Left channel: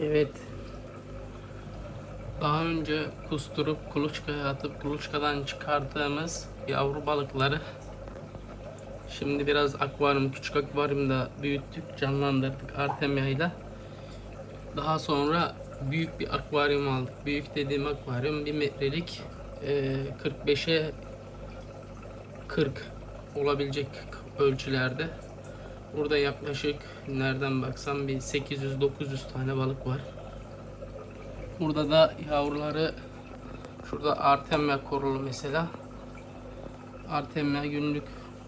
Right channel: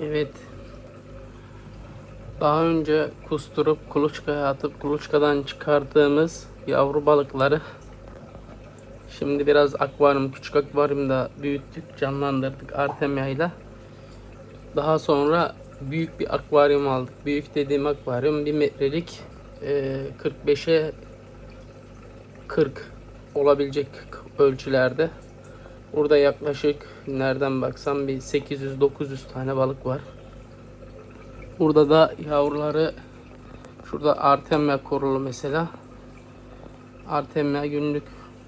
Evet. Daha önce kusturup kuluçkaya atıp kuluçkadan çıkardığımız yavru balıkları şimdi biraz akvaryum, küçük akvaryumda büyüttük, canlandırdık Artemia'yla. Daha sonra büyük bir akvaryum aldık. Büyük dediğim akvaryum 1 metrelik e, 45'e 40 olabilecek ölçülerde. Burada yaklaşık nereden baksam bir 800-900 tane balık var. Burada da yavruları şurada Artemia korulu mesela. Artemia günlük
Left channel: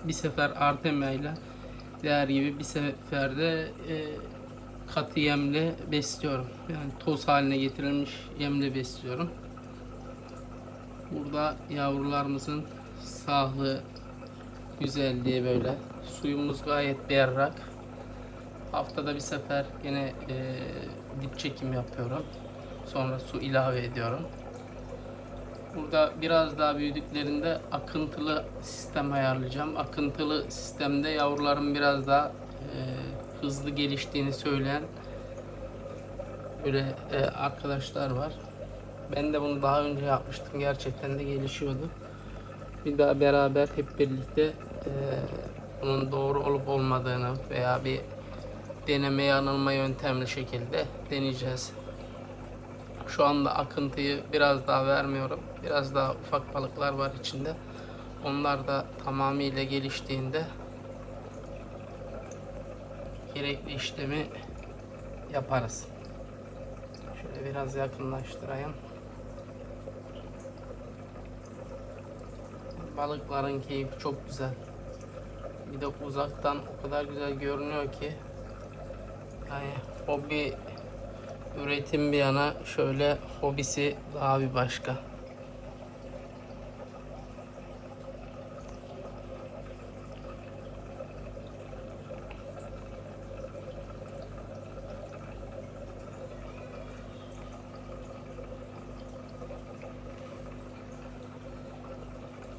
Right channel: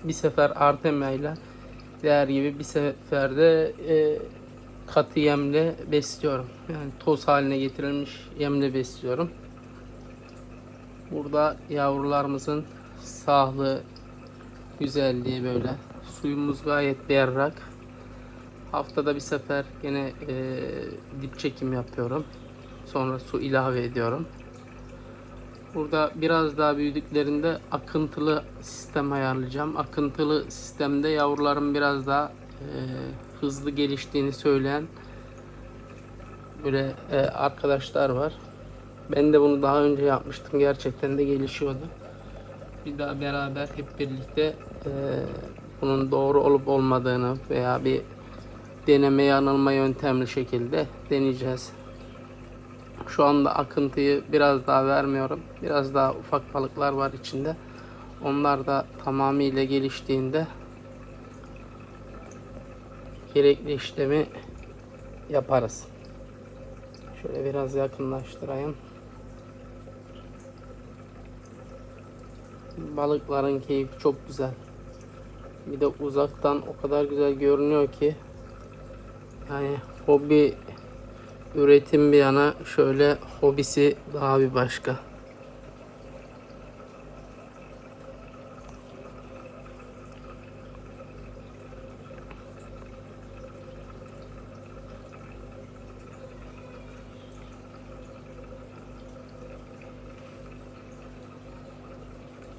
bir sefer Artemia ile diğer gibi bir seferde e, katı yemle besliyorum. Yani toz haline getirilmiş yemle besliyorum. Burada yavrularımızın sağlığı, güzelliği böyle. Suyumuz gayet berrak. Haftada bir sefer yine e, dip çekim yapıyorum. Sonra su ilave ediyorum. Burada biraz daha büyüdüklerinde akıntılı sistem ayarlayacağım. Akıntılı sistemde yavruların biraz daha e, hızlı geliştiğini söyleyen böyle e, arkadaşlar var. Ben de bunu daha önce yapmıştım. Gerçekten de gelişiyordu. Bir daha beraber hep birlikte e, bunun doğru olup olmadığını veya bir deneme yanılma yöntemli şekilde deneyeceğiz. Şu anda akıntıyı biraz daha vermiyorum. Biraz daha ufak balıklar var içinde. Onlar da tamamıyla geliştiğinde gerekli işlemi yaparız. Şöyle biraz yakınlaştırayım. Balıkların keyfi çok güzel. Bir de uzaktan o kadar güzel görünüyor ki yani hobi üretim bir yana şöyle hobisi daha bir başka.